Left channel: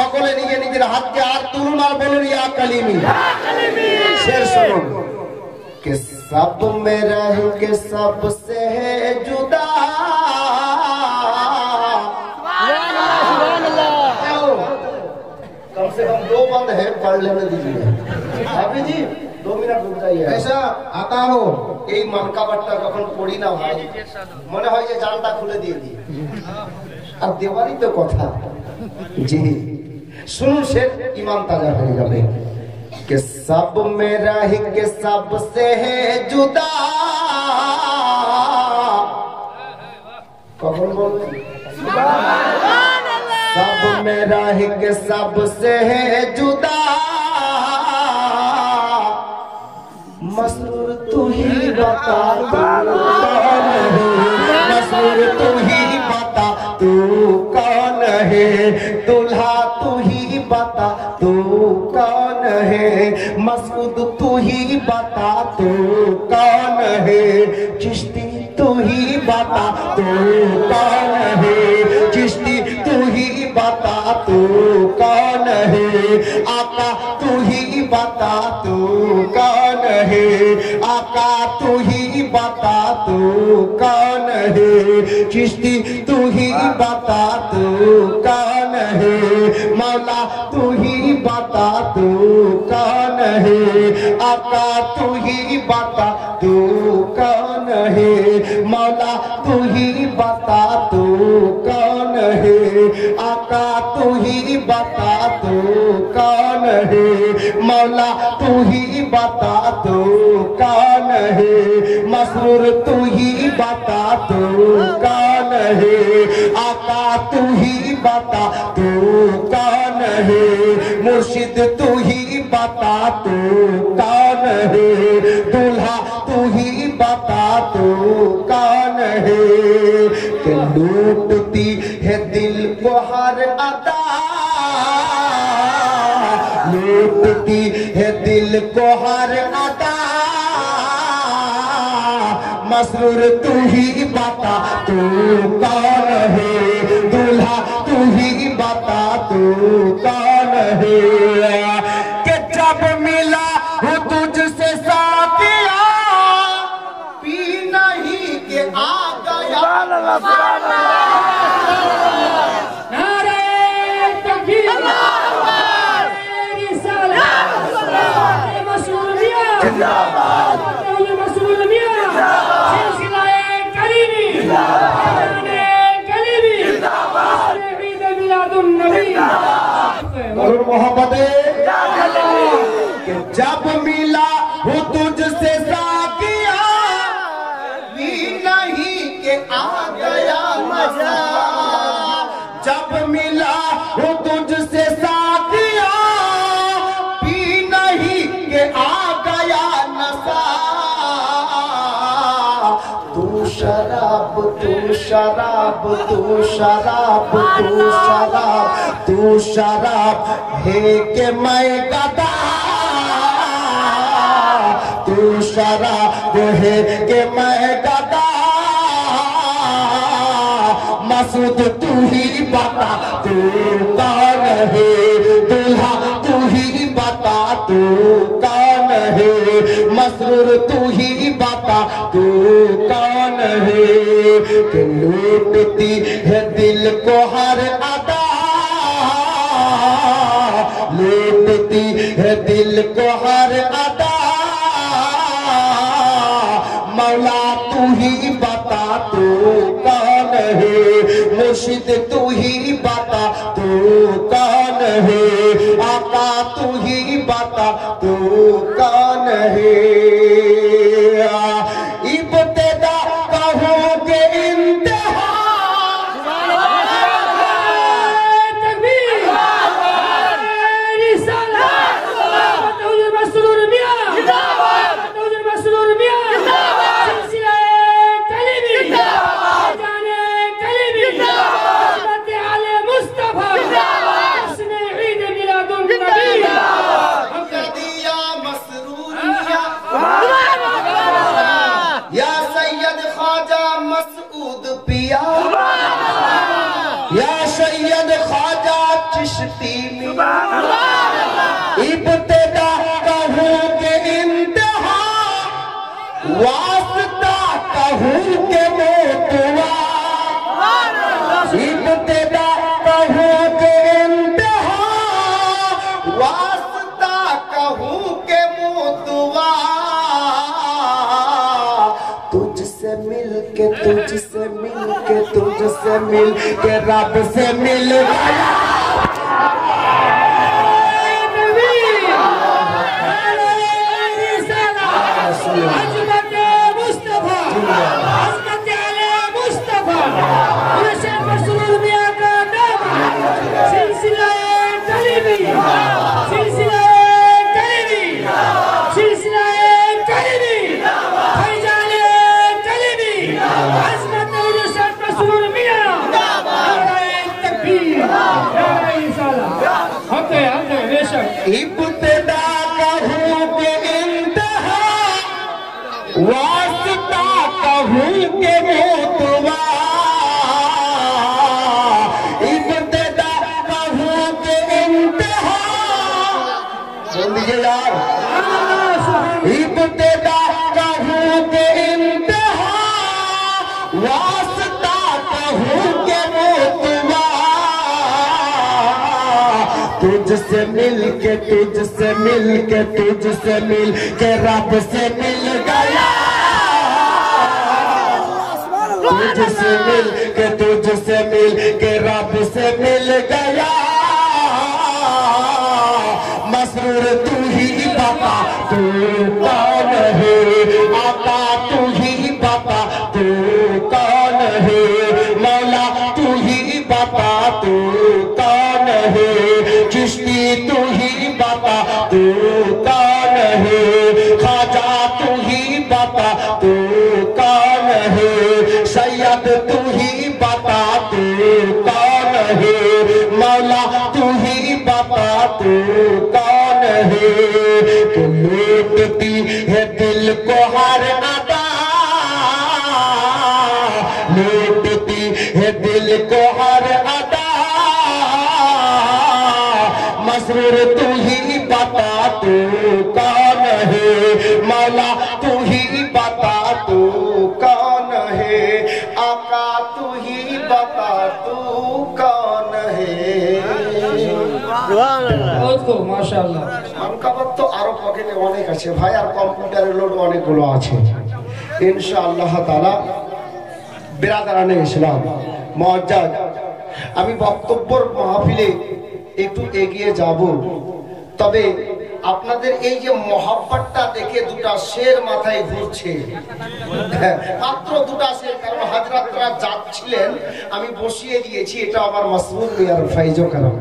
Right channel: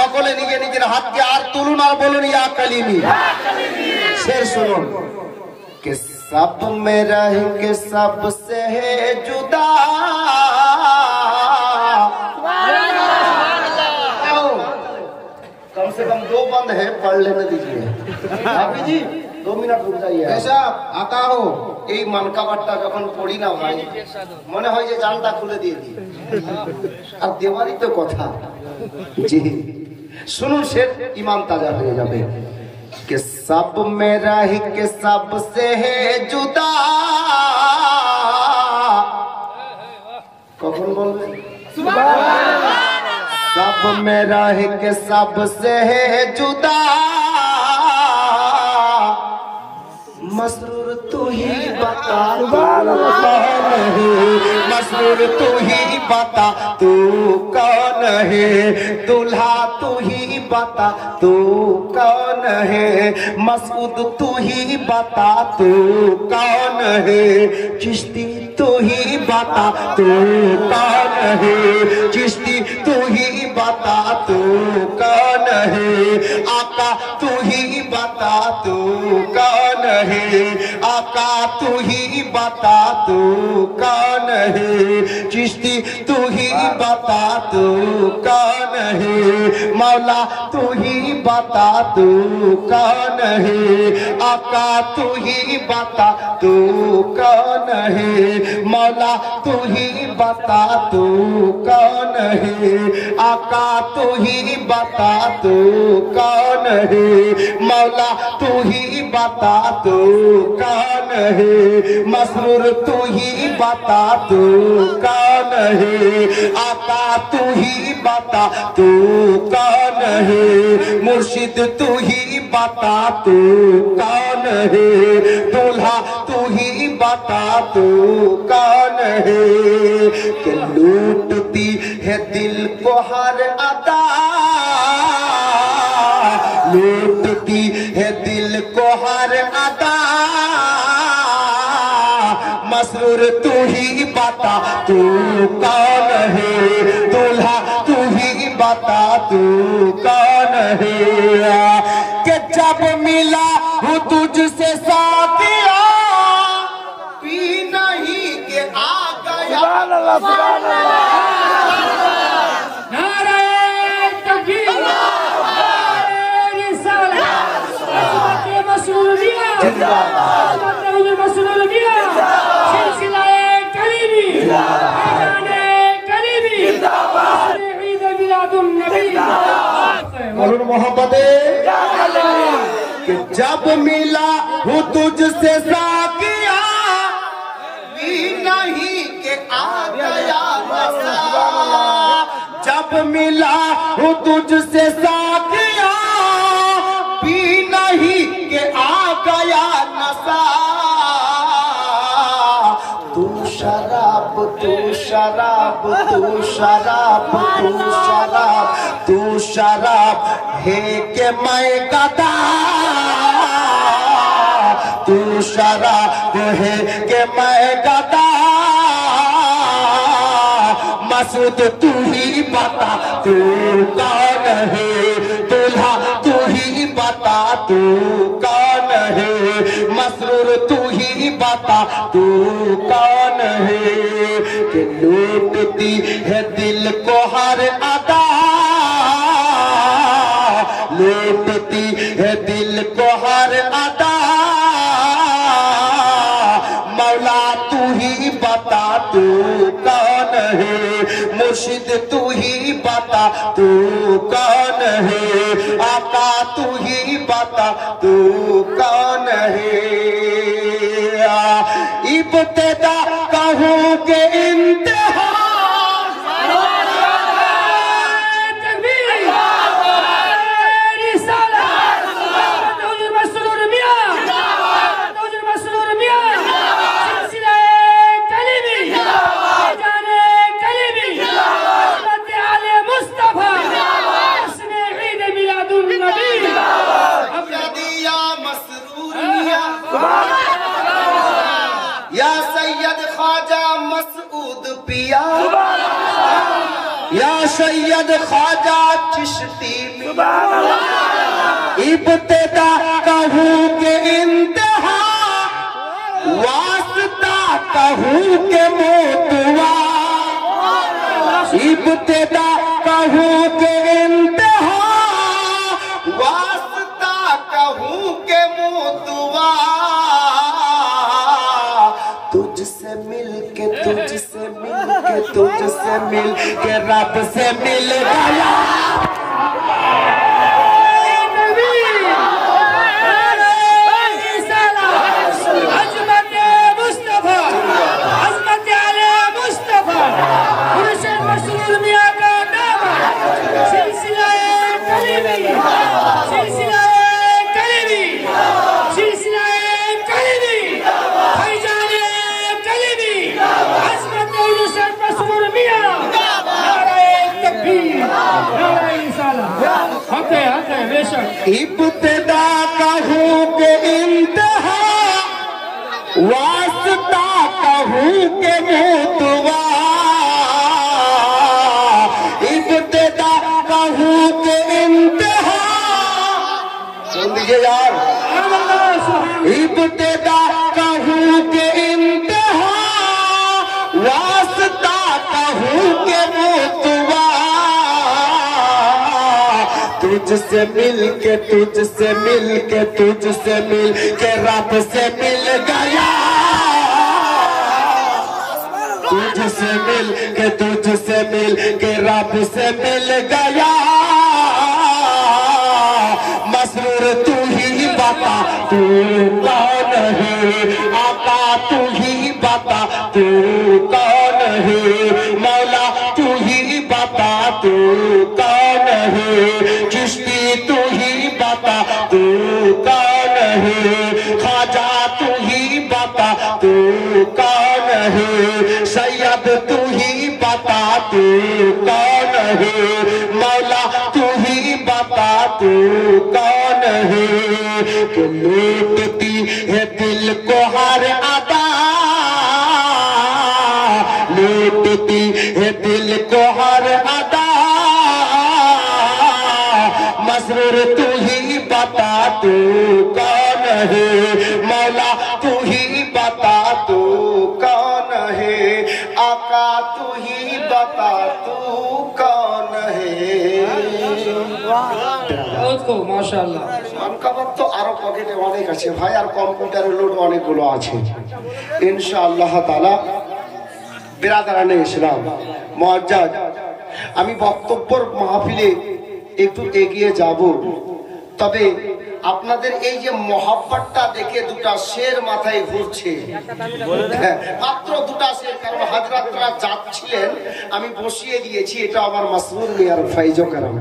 সকলে নিজে নিজের হাতকে আর তুলুন আর বলুন ইয়া কালিমি। শের শুনুন। कि सब में रह के सबसे है जुदा, कम से कम 2 बंद है, पढ़ लेने दीजिए अभी जी, 2 मिनट रुक जाइए। ऐसा आता हो এই মানকাবারটা যখন পড়ি না ভাই মনে হয় যে জানটা খুলে দিয়ে দিই, আর দেওয়ারই তো কথা। জি শুনুন, সে ইমান তাজা হয়ে যাবে। कि सब में रह के सबसे है जुदा, कौन बोलते? सब में रह के सबसे है जुदा, मसरूर तू ही बता कौन है, मसरूर तू ही बता तू कौन है, दुल्हा तू ही बता तू कौन है, मसूद तू ही बता तू कौन है, चिश्ती तू ही बता तू कौन है, चिश्ती तू ही बता तू कौन है, आका तू ही बता तू कौन है, आका तू ही बता तू कौन है, चिश्ती तू ही बता तू कौन है, मौला तू ही बता तू कौन है, आका तू ही बता तू कौन है, मौला तू ही बता तू कौन है, आका तू ही बता तू कौन है, मौला तू ही बता तू कौन है, मसरूर तू ही बता तू कौन है, आका तू ही बता तू कौन है, मुर्शिद तू ही बता तू कौन है, दूल्हा तू ही बता तू कौन है, कि लूटती है दिल को हर अदा, लूटती है दिल को हर अदा, मसरूर तू ही बता तू कौन है, दूल्हा तू ही बता तू कौन है, कि जब मिला हूँ तुझसे साथिया, पी नहीं के आ गया, और मोहब्बत जब मिला हूँ तुझसे साकिया, भी नहीं के आ गया नशा, जब मिला हूँ तुझसे साकिया, भी नहीं के आ गया नशा, तू शराब तू शराब तू शराब तू शराब तू शराब है के मैं गदा, तू शराब है के मैं गदा, मसूद तू ही बता तू कौन है, दूल्हा तू ही बता तू कौन है, मसरूर तू ही बता तू कौन है, कि लूटती है दिल को हर अदा, लूटती है दिल को हर अदा, मौला तू ही बता तू कौन है, मुर्शिद तू ही बता तू कौन है, आका तू ही बता तू कौन है, इब्तिदा कहूँगे इंतहा, चिश्ती इब्तिदा कहूँ के इंतहा वास्ता कहूँ के मोतवा इब्तिदा कहूँ के इंतहा वास्ता कहूँ के मोतवा तुझसे मिल के रब से मिल गया इब्तिदा कहूँ के इंतहा वास्ता कहूँ के मोतवा इब्तिदा कहूँ के इंतहा जल्दी यार इब्तिदा कहूँ के इंतहा वास्ता कहूँ के मोतवा तुझसे मिल के रब से मिल गया तुझसे मिल के रब से मिल गया मसरूर तू ही बता तू कौन है आका तू ही बता तू कौन है मौला तू ही बता तू कौन है चिश्ती तू ही बता तू कौन है ख्वाजा तू ही बता तू कौन है सैयद तू ही बता तू कौन है मौला तू ही बता तू कौन है तू लूटती है दिल को हर अदा लूटती है दिल को हर अदा मसरूर तू ही बता तू कौन है मौला तू ही बता तू कौन है आका तू ही बता तू कौन है মাশাআল্লাহ কাবাব তো আরো পকেটে অনেক আছে ভাই আর কম্পিউটারের লোড অনেকগুলো আছে ইনশাআল্লাহ তাআলা বিরাদারানে ইসলাম মুআজ্জাজ আমি বক্তব্যের মাহফিলে একটু এগিয়ে যাব তবে আপনাদের এই যে মহব্বতটা দেখে দুটা শের মাথায় ঘুরছে মাত্র দুটা শের কারণ হাজরাতরা যাচ্ছিলেন আমি বসিয়ে দিয়েছি এটা আমার মাসরুর মিয়ার ফাইজো কারাম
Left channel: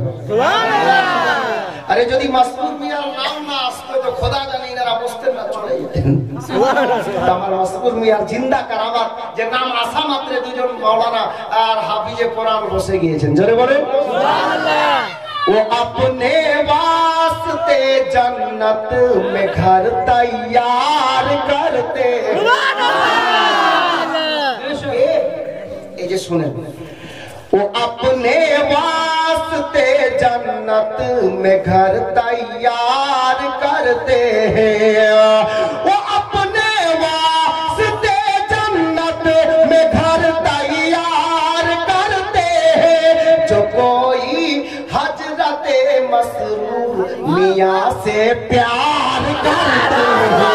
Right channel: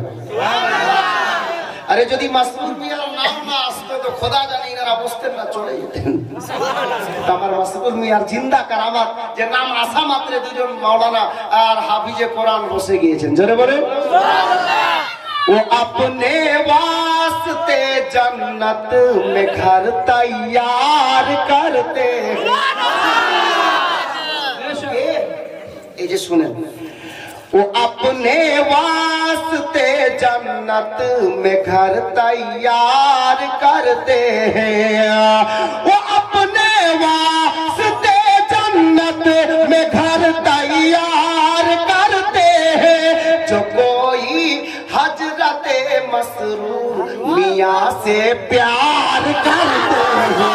আরে যদি মাসরুর মিয়ার নাম না আসতো তো খোদা জানে এনারা বসতেন না চলে যেতেন আমার মাসরুর মিয়ার জিন্দা কারামাত যে নাম আসা মাত্র দুজন মাওলানা আর হাফিজে কোরআন বসে গিয়েছেন জোরে বলেন সুবহানাল্লাহ वो अपने वास्ते जन्नत में घर तैयार करते ये सुने वो अपने वास्ते जन्नत में घर तैयार करते हैं वो अपने वास्ते जन्नत में घर तैयार करते हैं जो कोई हजरते मसरूर मियाँ से प्यार करते हैं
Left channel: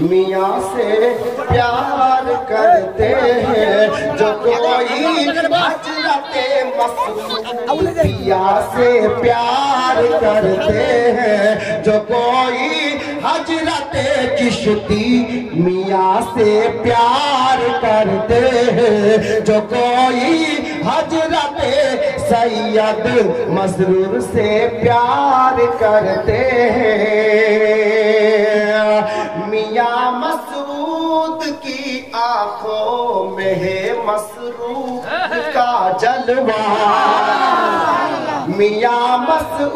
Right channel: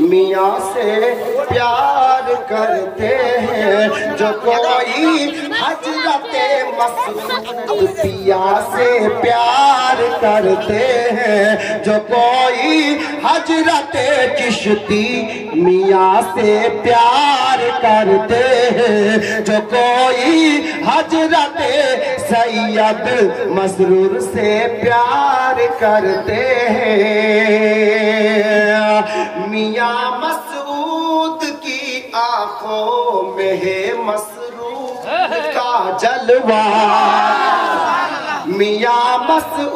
मियाँ से प्यार करते हैं जो कोई हजरते मसरूर मियाँ से प्यार करते हैं जो कोई हजरते चिश्ती मियाँ से प्यार करते हैं जो कोई हजरते सैयद मसरूर से प्यार करते हैं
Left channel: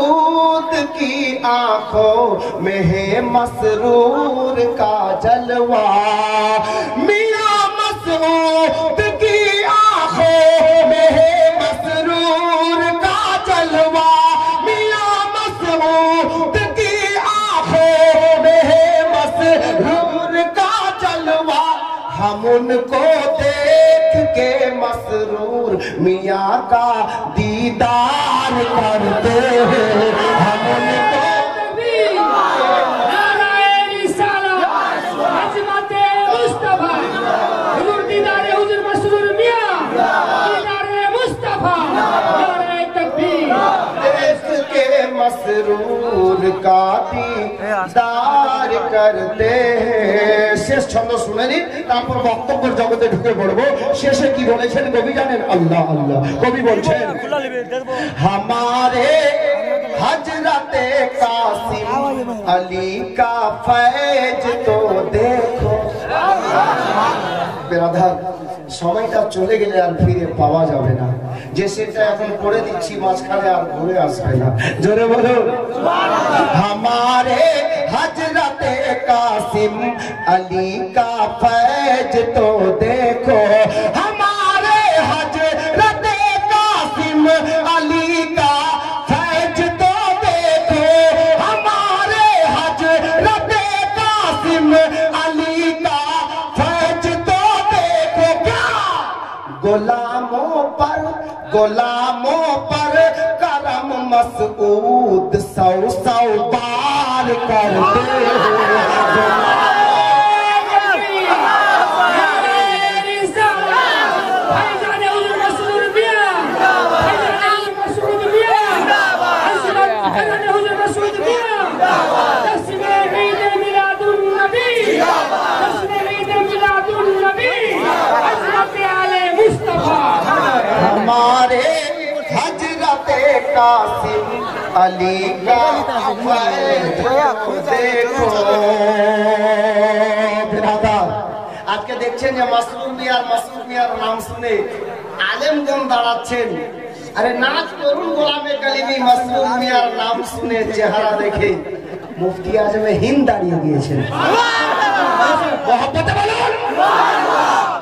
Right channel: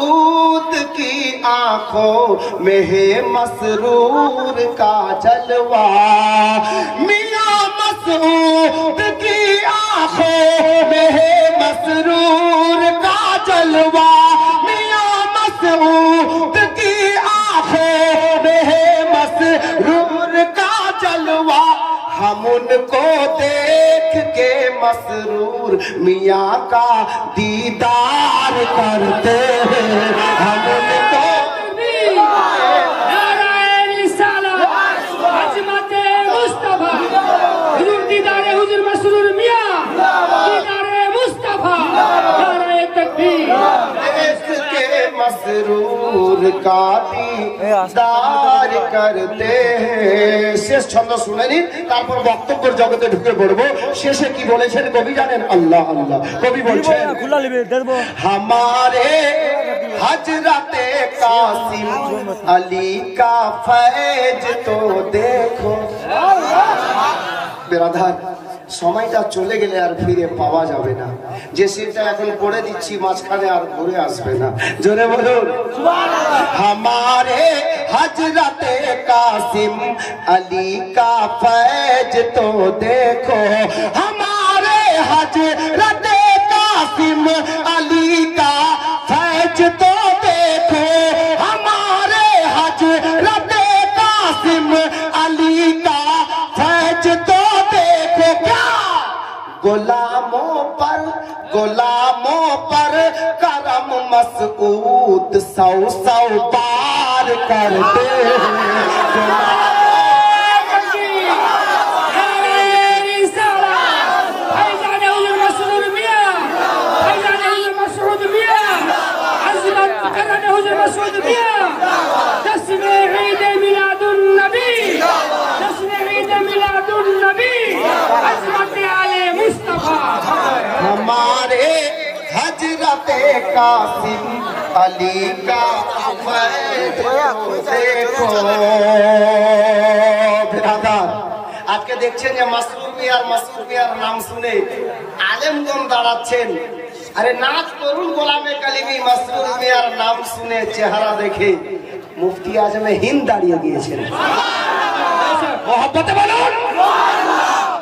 मसऊद की आंखों में है मसरूर का जलवा, मियां मसऊद की आंखों में है मसरूर का जलवा, मियां मसऊद की आंखों में है मसरूर का जलवा। हम उनको देख के मसरूर मियाँ का दीदार करते हैं, हम उनको मसरूर का दीदार करते। শেষ ছন্দ শুনেনি, তারপর বক্তব্যের জগতে ঢুকে পড়বো। শেষে কি বলেছেন কবি জানেন? আল্লাহ আল্লাহ। কবি বলছেন हमारे हजरत कासिम अली का फैज तो देखो। बिरादर সময়টা চলে গেলে আর ফিরে পাওয়া যাবে না, যে সেটা এখন করে দিচ্ছি মাঝখানে আর ঘুরে আসবে না। জোরে বলুন हमारे हजरत कासिम अली का फैज तो देखो, हमारे हजरत कासिम अली का फैज तो देखो, हमारे हजरत कासिम अली का फैज तो देखो। क्या गुलामों पर करम मसऊद सौ सौ बार करते हैं। हमारे हजरत कासिम अली का फैज देखो। আজকে দেখছেন যে মাসরুর মিয়ার নাম শুনে আলেমগণ দাঁড়াচ্ছেন। আরে নাচ করুন গোলামে কালিমি, মাসরুর মিয়ার নাম শুনে চেহারা দেখে মুফতি আজমে হিন্দ দাঁড়িয়ে গিয়েছেন। মহব্বতে বলুন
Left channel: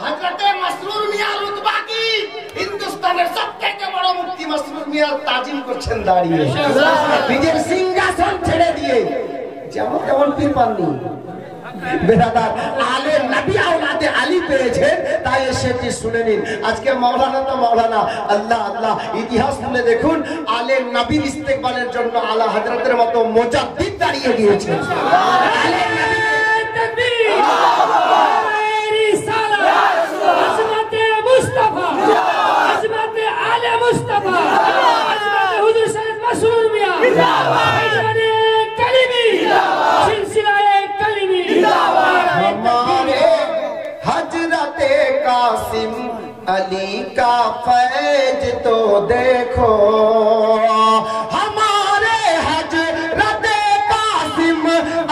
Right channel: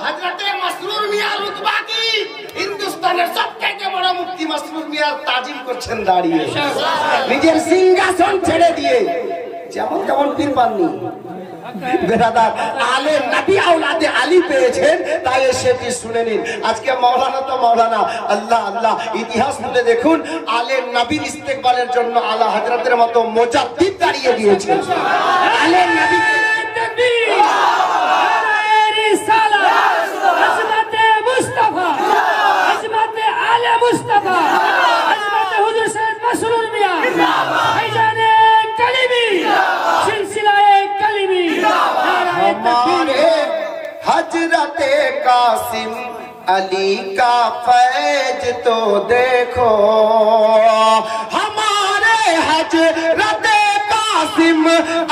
হযরতে মাসরুর মিয়ার রুতবা কি হিন্দুস্তানের সবথেকে বড় মুফতি মাসরুর মিয়ার তাজিম করছেন দাঁড়িয়ে, নিজের সিংহাসন ছেড়ে দিয়ে। যেমন যেমন পীর পাননি বেরাদার, আলে নবী আওলাদে আলী পেয়েছেন, তাই সেটি শুনে নিন। আজকে মাওলানা তো মাওলানা, আল্লাহ আল্লাহ। ইতিহাস শুনে দেখুন, আলে নবীর ইস্তেকবালের জন্য আলা হযরতের মতো মুজাদ্দিদ দাঁড়িয়ে গিয়েছেন। আলে নবী हमारे हजरत कासिम अली का फैज तो देखो, हमारे हजरत कासिम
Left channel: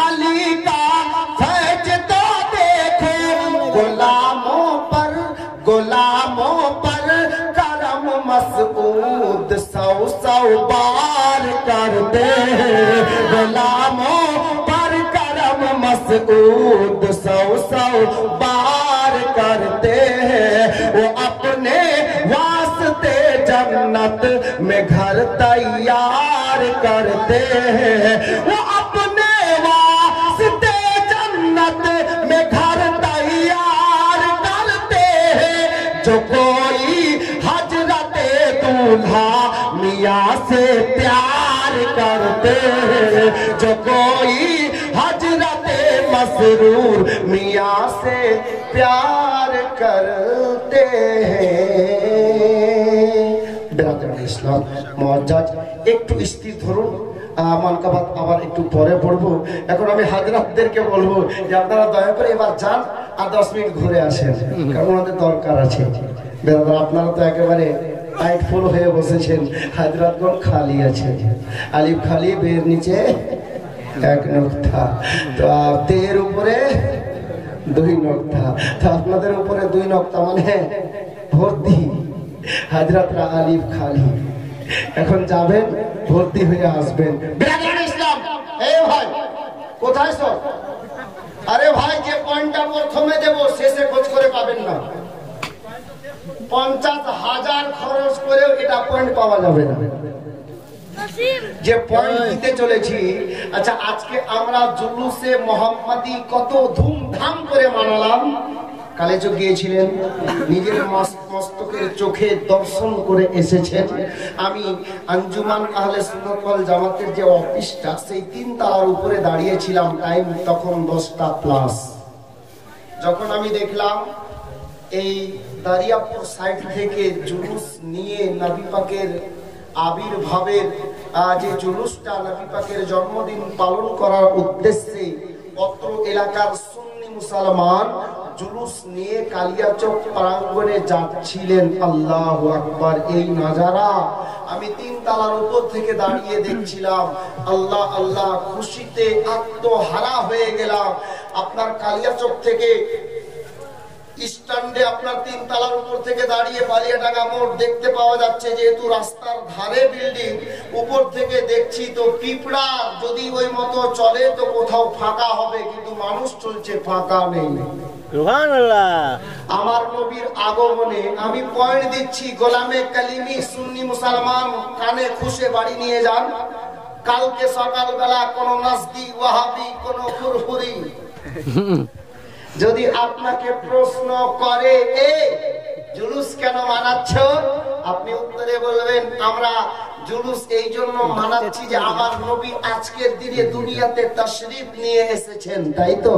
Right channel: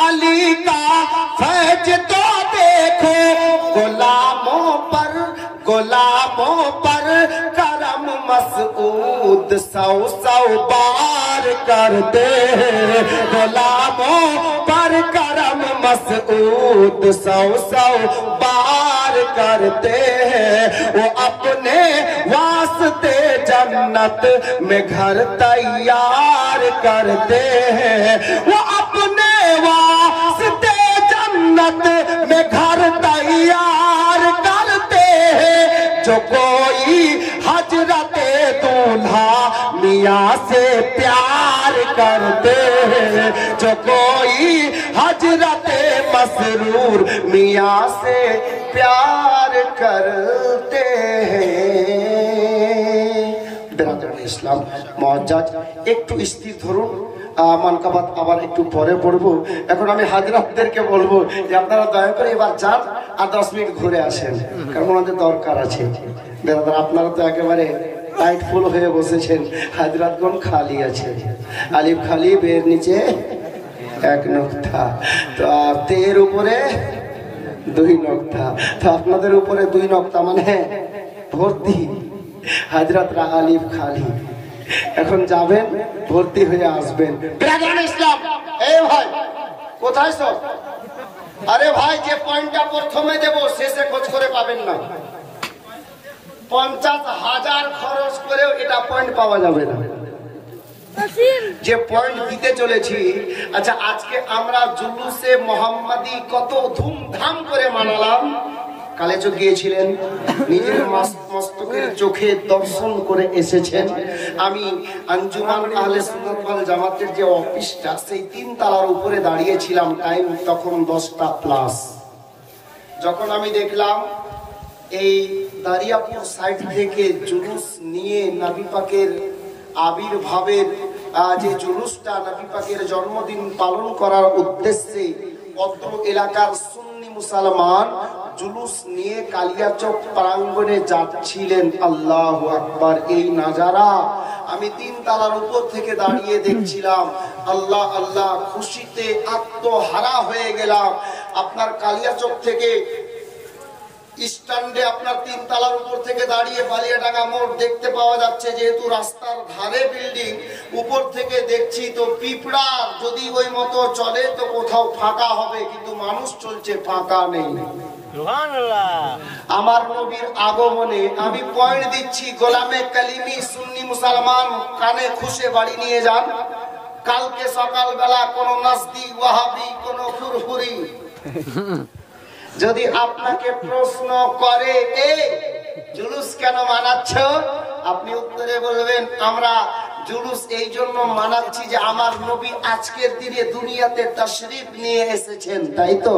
अली का फैज तो देखो। गुलामों पर करम मसऊद सौ सौ बार करते हैं, गुलामों पर करम मसऊद सौ सौ बार करते हैं। वो अपने वास्ते जन्नत में घर तैयार करते हैं, वो अपने वास्ते जन्नत में घर तैयार करते हैं। जो कोई हजरत दूल्हा मियाँ से प्यार करते हैं, जो कोई हजरत मसरूर मियाँ से प्यार करते हैं। बिरादरान इस्लाम मुअज्जज, একটু স্থির ধরুন। মানকাবাত আবার একটু পরে পড়বো। এখন আমি হাজরাতদেরকে বলবো যে আপনারা দয়া করে এবার যান আর 10 মিনিট ঘুরে আসেন, কারণ আমাদের দরকার আছে। বেরাদার আপনারা তো একেবারে টাইট ফুল হয়ে বসেছেন, হাজরাতগণ খালি আছে। আলিফ খালি, বের নিচে এক নোক্তা, তো তের উপরে 2 নোক্তা, তো আপনাদের উপরে 2 নোক্তা মানে ভর্তি। হাজরাতরা আলিফ খালি। এখন যাবেন ভর্তি হয়ে আসবেন। বিরাজমান ইসলাম, এই ভাই কোথায় সব? আরে ভাই, যে পয়েন্টটা প্রথমে দেব শেষে খোঁজ করে পাবেন না। 50,000 খরচ করেও এটা পয়েন্ট পাওয়া যাবে না, যে পয়েন্ট দিতে চলেছি। আচ্ছা, আজকে আমরা জুলুসে মোহাম্মদী কত ধুমধাম করে মানলাম। কালেজে গিয়েছিলেন, নিজের মস্তকের চোখে দর্শন করে এসেছেন। আমি আঞ্জুমান আহলে সুন্নাত ওয়াল জামাতের যে অফিসটা, সেই 3 তলার উপরে দাঁড়িয়েছিলাম। টাইম তখন 10টা প্লাস। যখন আমি দেখলাম এই দারিয়াপুর সাইড থেকে জুলুস নিয়ে নবী পাকের আবির্ভাবের যে জুলুসটা, নবী পাকের জন্মদিন পালন করার উদ্দেশ্যে অত্র এলাকার সুন্নি মুসলমান জুলুস নিয়ে কালিয়াচক প্রাঙ্গণে যাচ্ছিলেন। আল্লাহু আকবার! এই নাজারা আমি 3 তলার উপর থেকে দাঁড়িয়ে দেখছিলাম। আল্লাহ আল্লাহ, খুশিতে আত্মহারা হয়ে গেলাম। আপনার কালিয়াচক থেকে স্ট্যান্ডে আপনার 3 তলার উপর থেকে দাঁড়িয়ে বালিয়াডাঙ্গা মোড় দেখতে পাওয়া যাচ্ছে। যেহেতু রাস্তার ধারে বিল্ডিং, উপর থেকে দেখছি তো পিঁপড়া যদি ওই মতো চলে তো কোথাও ফাঁকা হবে, কিন্তু মানুষ চলছে, ফাঁকা নেই। আমার নবীর আগমনে আমি পয়েন্ট দিচ্ছি। গোলামে কালিমি সুন্নি মুসলমান কানে খুশে বাড়ি নিয়ে যান। কালকে সকালবেলা কোন নাসদি ওয়াহাবি কোন ফুরফুরি যদি আপনাকে প্রশ্ন করে, জুলুস কেন মানাচ্ছ, আপনি উত্তরে বলবেন, আমরা জুলুস এই জন্য মানাচ্ছি যে আমার নবী আজকের দিনে দুনিয়াতে তাশরীফ নিয়ে এসেছেন। তাই তো?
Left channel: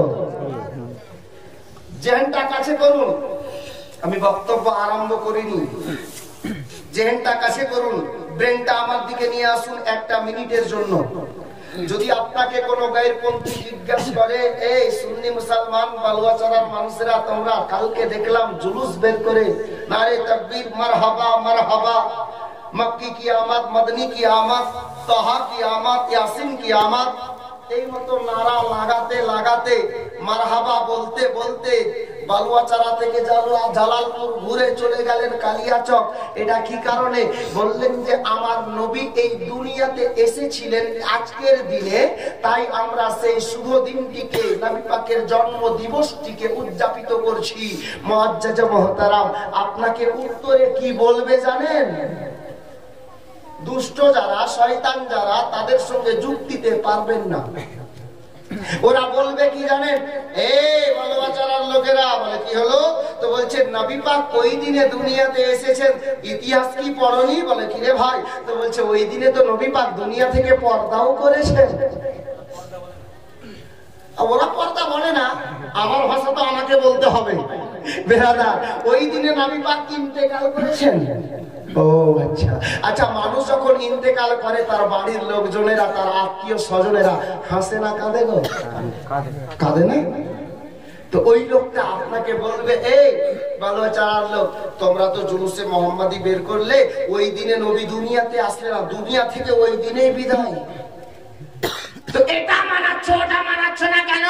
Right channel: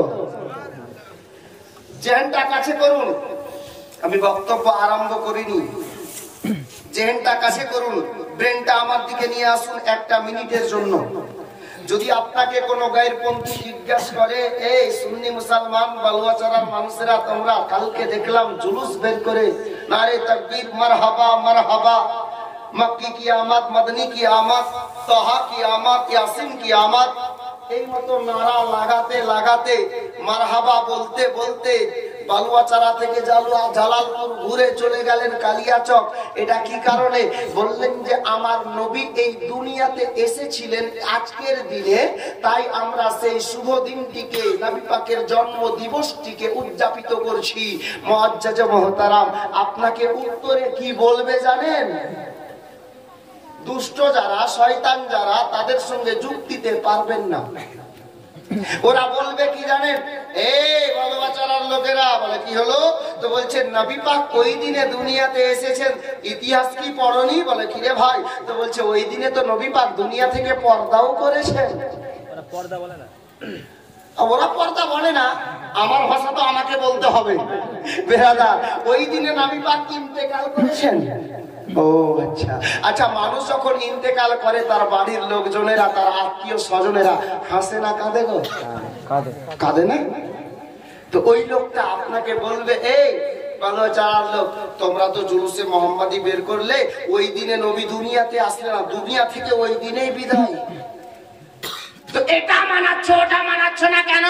জেহেনটা কাছে করুন, আমি বক্তব্য আরম্ভ করিনি। জেহেনটা কাছে করুন, ব্রেনটা আমার দিকে নিয়ে আসুন 1 মিনিটের জন্য। যদি আপনাকে কোনো গায়েরপন্থী জিজ্ঞাসা করে, এই সুন্নি মুসলমান বালুয়াচড়ার মানুষেরা, তোমরা কালকে দেখলাম জুলুস বের করে নারে তাকবীর, মারহাবা মারহাবা, মক্কি কি আমাদ, মদনী কি আমাদ, তাহা কি আমাদ, ইয়াসিন কি আমাদ, এই মতো নারা লাগাতে লাগাতে, মারহাবা বলতে বলতে বালুয়াচারা থেকে জালালপুর ঘুরে চলে গেলেন কালিয়াচক। এটা কি কারণে? বললেন যে আমার নবী এই দুনিয়াতে এসেছিলেন আজকের দিনে, তাই আমরা সেই শুভ দিনটিকে, নবী পাকের জন্ম দিবসটিকে উদযাপিত করছি। মুআজ্জাজ মুহতারাম, আপনাকে উত্তরে কি বলবে জানেন? দুষ্ট যারা, শয়তান যারা, তাদের সঙ্গে যুক্তিতে পারবেন না। ওরা বলবে কি জানেন? বালুয়াচারার লোকেরা বলে, কি হলো? তো বলছে নবী পাক ওই দিনে দুনিয়াতে এসেছেন, ইতিহাস কি পড়নি? বলে, কি রে ভাই? তো বলছে ওই দিনে তো নবী পাক দুনিয়া থেকে পর্দাও করেছেন। ওরা পর্দা বলে না, আমার ভাষা তো আমাকে বলতে হবে। বেরাদা, ওই দিনে নবী পাক ইন্তেকাল করেছেন। ও আচ্ছা আচ্ছা, মানুষ যখন ইন্তেকাল করে তার বাড়ির লোকজনেরা, তার আত্মীয় স্বজনেরা হাসে না কাঁদে? গো কাঁদে না? তো ওই লোকটা আপনাকে বলবে, এই বালুয়াচারার লোক, তোমরা তো জুলুসে মোহাম্মদী বের করলে, ওই দিনে নবী দুনিয়াতে আসলে না, দুনিয়া থেকে ওই দিনেই বিদায়। তো এটা মানাচ্ছ, ওটা মানাচ্ছ না কেন?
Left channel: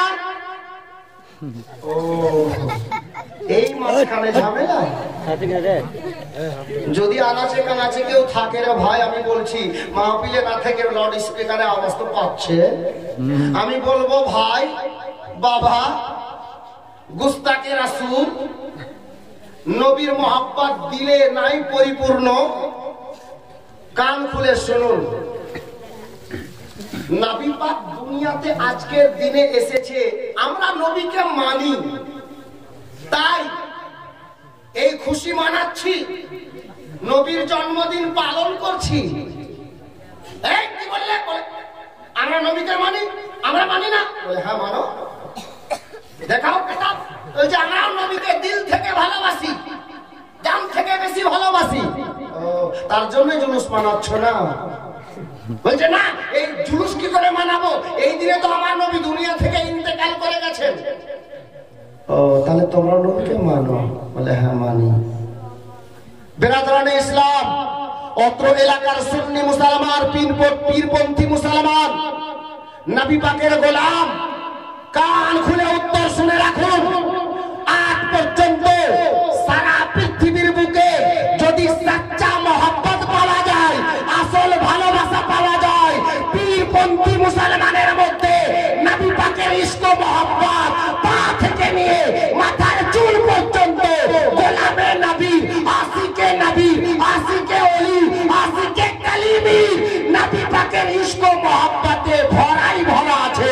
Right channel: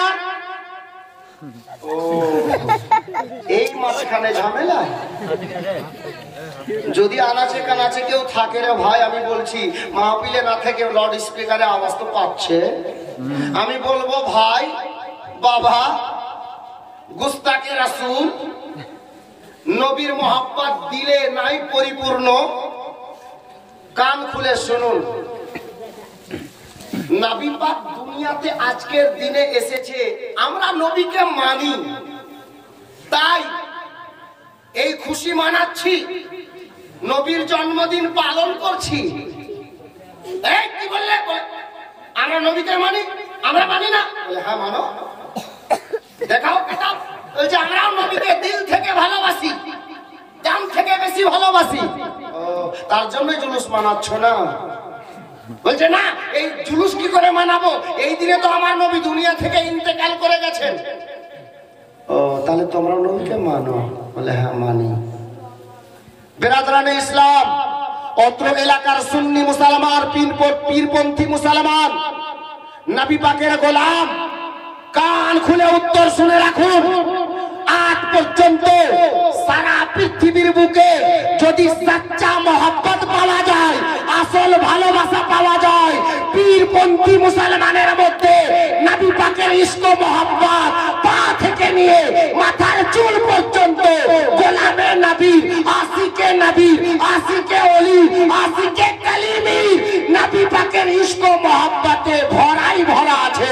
ও, এই মাঝখানে ঝামেলা। যদি আনাচে কানাচে কেউ থাকে রে ভাই, আমি বলছি মাহফিলে না থেকে লাউড স্পিকারে আওয়াজ তো পাচ্ছে, আমি বলবো ভাই বাবা, গুস্তাকে রাসূল, নবীর মোহাব্বত দিলে নাই পরিপূর্ণ। কান খুলে শুনুন, নবী পাক দুনিয়াতে আজকের দিনে এসেছে, আমরা নবীকে মানি, তাই এই খুশি মানাচ্ছি, নবীর জন্মদিন পালন করছি। এই কি বললে? আমরা নবীকে মানি, আমরা মানি না? বলে হ্যাঁ মানো, দেখাও কিতাব। বলছে আমরাও নবীকে দিল থেকে ভালোবাসি, জান থেকে বেশি ভালোবাসি। ও, তার জন্য জুলুস মানাচ্ছ না? বলছে না, এই জুলুস কি করে মানাবো? এই দিনে তো আমার নবী দুনিয়া থেকে ইন্তেকাল করে গেছেন। ও, তাহলে তোমরা নবীকে মানো? বলে হ্যাঁ মানি। বেরাদরানে ইসলাম, অত্র এলাকার সুন্নি মুসলমান, পীরপন্থী মুসলমান, নবী পাকের গোলাম, কান খুলে উত্তর শুনে রাখুন। আজ পর্যন্ত সারা পৃথিবীর বুকে যদি সচ্চা মহব্বত পাওয়া যায়, আসল ভালোবাসা পাওয়া যায় পীরপন্থী মুসলমানের মধ্যে। নবী পাকের ইশক ও মহব্বত পা থেকে নিয়ে মাথার চুল পর্যন্ত গোলামে নবী, আশিকে নবী, আশিকে ওলি, আশিকে কালিমি নবী পাকের ইশক ও মহব্বতে ভরাই ভরা আছে।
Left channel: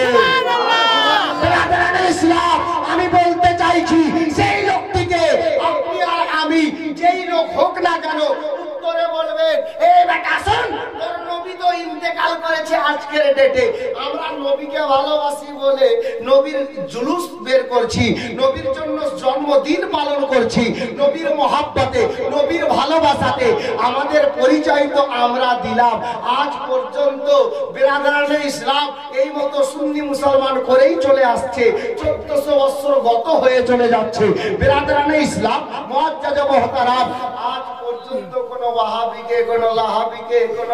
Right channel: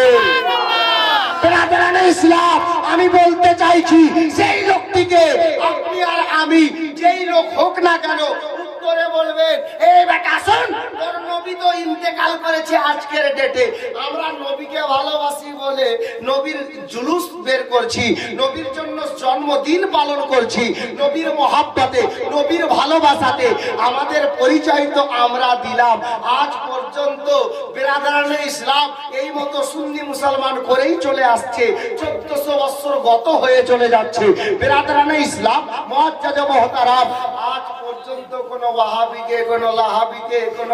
ইসলাম আমি বলতে চাইছি সেই লোকটিকে আপনি আর আমি যেই লোক হোক না কেন উত্তরে বলবেন, এই বেটা শুন, তোর নবী তো ইন্তেকাল করেছে আজকের ডেটে, আমরা নবীকে ভালোবাসি বলে নবীর জুলুস বের করছি, নবীর জন্য জন্মদিন পালন করছি, নবীর মহাব্বতে, নবীর ভালোবাসাতে আমাদের পরিচয় তো আমরা দিলাম। আজ পর্যন্ত বিরাদারানে ইসলাম এই মতো সুন্নি মুসলমান করেই চলে আসছে, 1400 বছর গত হয়ে চলে যাচ্ছে। বিরাদারানে ইসলাম মুআজ্জাজ মুহতারাম, আজ পর্যন্ত কোন ওয়াহাবিকে, কোন লাহাবিকে, কোন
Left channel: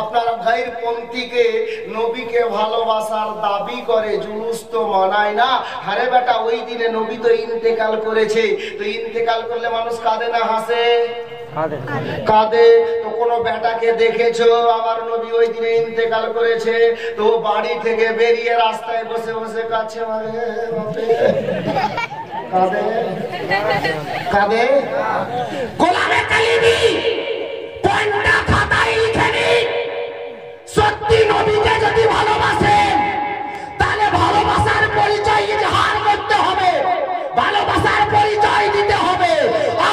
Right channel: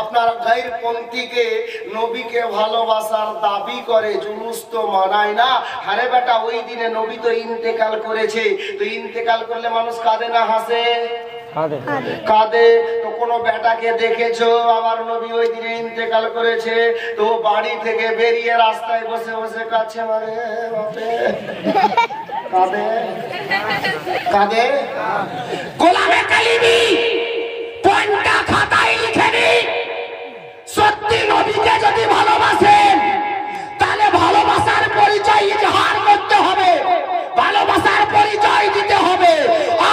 আপনার গায়রপন্থীকে নবীকে ভালোবাসার দাবি করে জুলুস তো মানায় না। আরে বেটা, ওই দিনে নবী তো ইন্তেকাল করেছে, তো ইন্তেকাল করলে মানুষ কাঁদে না হাসে? কাঁদে। তো কোন বেটাকে দেখেছো আমার নবী ওই দিনে ইন্তেকাল করেছে, তো বাড়ি থেকে বেরিয়ে রাস্তায় বসে বসে কাছে কাঁদে? কাঁদে? গোলামে কালিমি কোনটা খাতায় লিখে নিন, সত্যি নবীকে যদি ভালোবাসেন তাহলে ভালোবাসার পরিচয় ইজহার করতে হবে, ভালোবাসার পরিচয় দিতে হবে।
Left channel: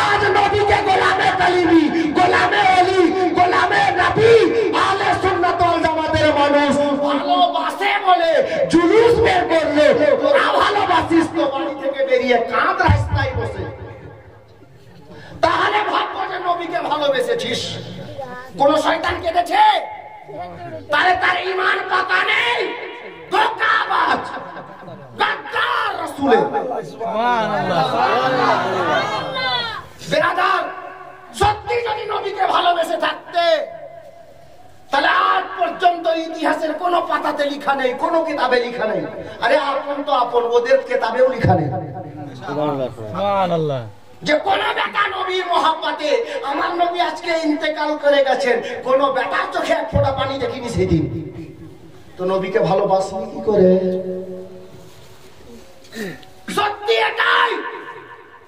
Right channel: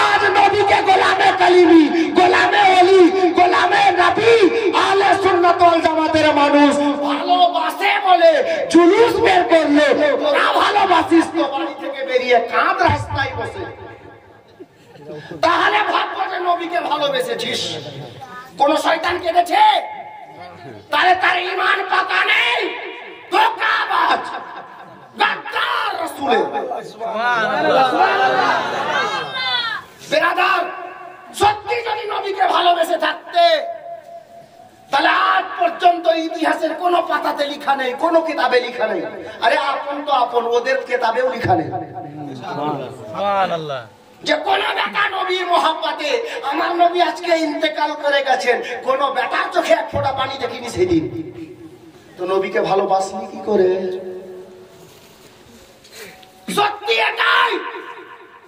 আজ নবীকে গোলামে কালিমি, গোলামে ওলি, গোলামে নবী আহলে সুন্নাত ওয়াল জামাতের মানুষ ভালোবাসে বলে জুলুস বের করলো। তোরা ভালোবাসিস তো বাড়ি থেকে বেরিয়ে কাঁদ রাস্তায় বসে, তাহলে ভাববো যে নবীকে ভালোবেসেছিস। কোন শয়তান কেঁদেছে? তাহলে তার ঈমান পাকা নেই, ধোঁকাবাজ, গাদ্দার রাসূলের। বিরাদার, সত্যি যদি নবীকে ভালোবেসে থাকতে তাহলে আজ পর্যন্ত ইতিহাসের কোন পাতাতে লেখা নেই, কোন কিতাবে লেখা নেই। আরে আপন তো আপন, ওদের কিতাবেও লেখা নেই সুবহানাল্লাহ যে কোন বেটা নবীর মহাব্বতে, আমার নবী আজকে ইন্তেকাল করে গেছেন, কোন বেটার চোখে এক ফোঁটা পানি দেখিনি সেদিন। তো নবীকে ভালোবাসলি কি করে? সত্যি এটাই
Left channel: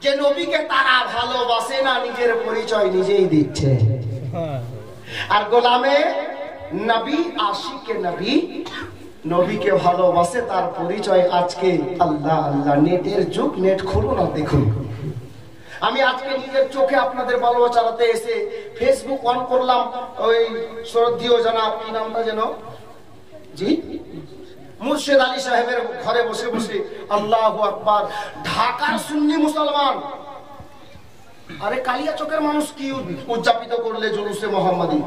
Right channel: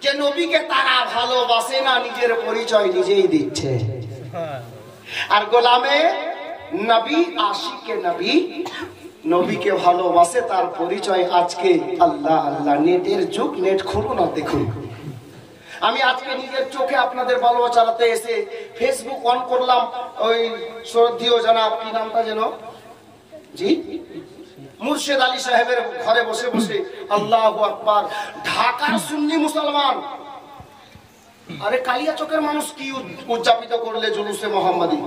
যে নবীকে তারা ভালোবাসে না, নিজের পরিচয় নিজেই দিচ্ছে। আর গোলামে নবী, আশিকে নবী নবীকে ভালোবাসে, তার পরিচয় আজকে আল্লাহ আল্লাহ। নেটের যুগ, নেট খুলুন আর দেখুন। আমি আজকে নিজের চোখে আপনাদের ভালোবাসাতে এসে ফেসবুক অন করলাম, ওই শ্রদ্ধেয় জনাব, কি নামটা যেন, জি মুর্শেদ আলী সাহেবের ঘরে বসে বসে আল্লাহু আকবার, ঢাকার সুন্নি মুসলমান। আরে কালিয়া চোখের মানুষ কি উদযাপিত করলে জুলুসে মোহাম্মদী?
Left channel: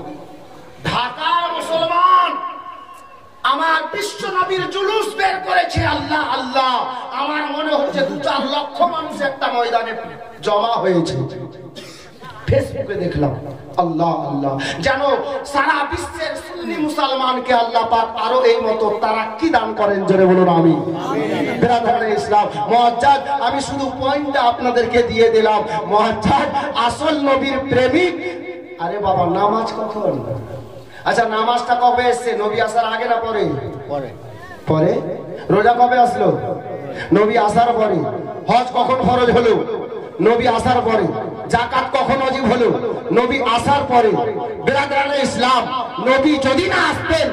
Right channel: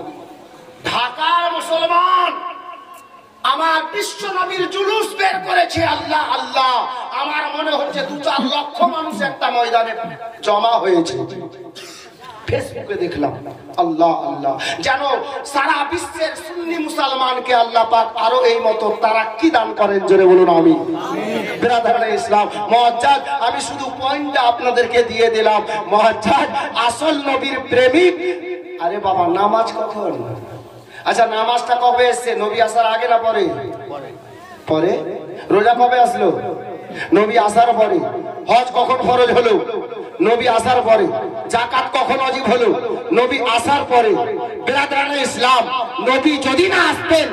ঢাকার মুসলমান আমার বিশ্ব নবীর জুলুস বের করেছে। আল্লাহ আল্লাহ, আমার মনে হচ্ছে 2-4 লক্ষ মানুষ একটা ময়দানে জমা হয়েছে। ফেসবুকে দেখলাম, আল্লাহ আল্লাহ, যেন সারা বিশ্বের সুন্নি মুসলমানকে আল্লাহ পাক আরো এই মতো তারাক্কি দান করেন। জোরে বলুন আমিন। বিরাদারানে ইসলাম মুআজ্জাজ, আমি শুধু পয়েন্টটা আপনাদেরকে দিয়ে দিলাম। মুআজ্জাজ আসল নবীর প্রেমিক। আরে বাবা, নামাজ কখন? আচ্ছা, নামাজটা কবে এসছে? নবী আসার আগে না পরে? পরে। রোজা কবে আসলো? নবী আসার পরে। হজ কখন ফরজ হলো? নবী আসার পরে। যাকাত কখন ওয়াজিব হলো? নবী আসার পরে। বিরাদারানে ইসলাম, নবী যদি না আসতেন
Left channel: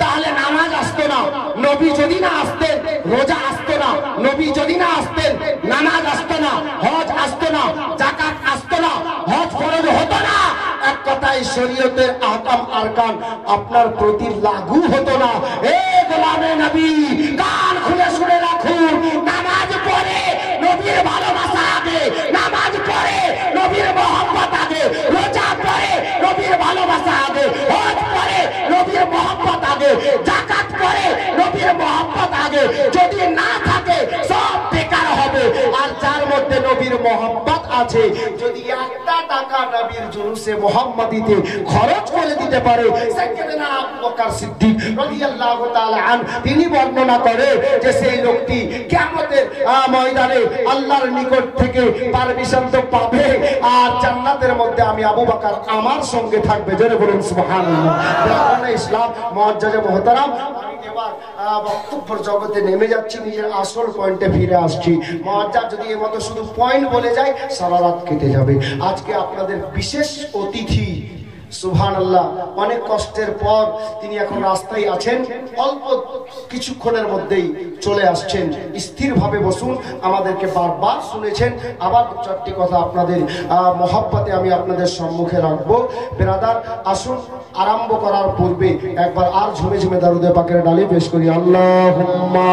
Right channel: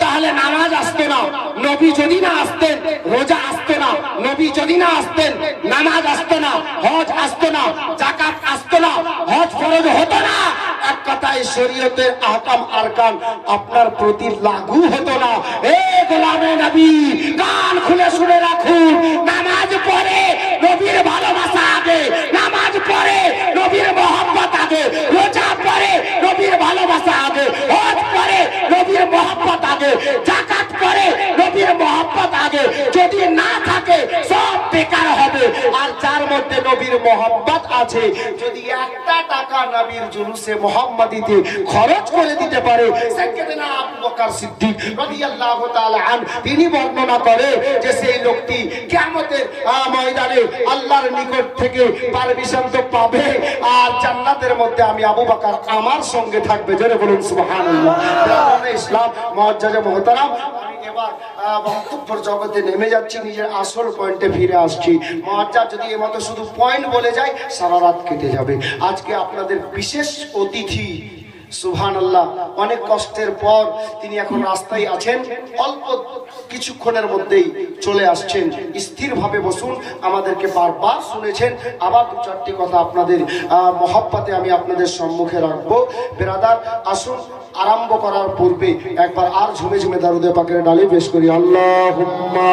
তাহলে নামাজ আসতো না, নবী যদি না আসতেন রোজা আসতো না, নবী যদি না আসতেন নামাজ আসতো না, হজ আসতো না, যাকাত আসতো না, হজ ফরজ হতো না। এক কথায় শরীয়তের আহকাম আরকান আপনার প্রতি লাগু হতো না। এ গোলামে নবী, কান খুলে শুনে রাখুন, নামাজ পড়ে নবীর ভালোবাসা আগে, নামাজ পড়ে নবীর মহব্বত আগে, রোজা পড়ে নবীর ভালোবাসা আগে, হজ পড়ে নবীর মহব্বত আগে, যাকাত পড়ে নবীর মহব্বত আগে। যদি না থাকে সব বেকার হবে। আর যার মধ্যে নবীর মোহাম্মত আছে, যদি একটা টাকা নবীর জুলুসে মুহাম্মাদিতে খরচ করে দিতে পারে, সাইয়েদনা আবু বকর সিদ্দিক রাদিয়াল্লাহু তাআলা আন তিনি বর্ণনা করে যে সেই লোকটি কিয়ামতের ময়দানে আল্লাহর নিকট থেকে পারমিশন তো পাবে, আর জান্নাতের মধ্যে আমি আবু বকর আমার সঙ্গে থাকবে। জোরে বলুন সুবহানাল্লাহ। ইসলাম মুআজ্জাজ মুহতারাম, আমি এবার বক্তব্যের জগতে নেমে যাচ্ছি, নিজের আসল পয়েন্টে ফিরে আসছি। মুআজ্জাজ যদি এর মতো শুধু পয়েন্ট বলে যায় সারা রাত কেটে যাবে। আজকে আপনাদের বিশেষ অতিথি সুবহানাল্লাহ, অনেক কষ্টের পর তিনি এখন রাস্তায় আছেন, অল্প কিছুক্ষণের মধ্যেই চলে আসছেন। স্থিরভাবে বসুন, আমাদেরকে বারবার শুনেছেন, আবার দু চারটি কথা আপনাদের মহব্বতে আমি আপনাদের সম্মুখে রাখবো। বেরাদার আসুন, আরম্ভ করার পূর্বে একবার আর ঝুমে ঝুমে দরুদে পাকের ডালি পেশ করি। আল্লাহুম্মা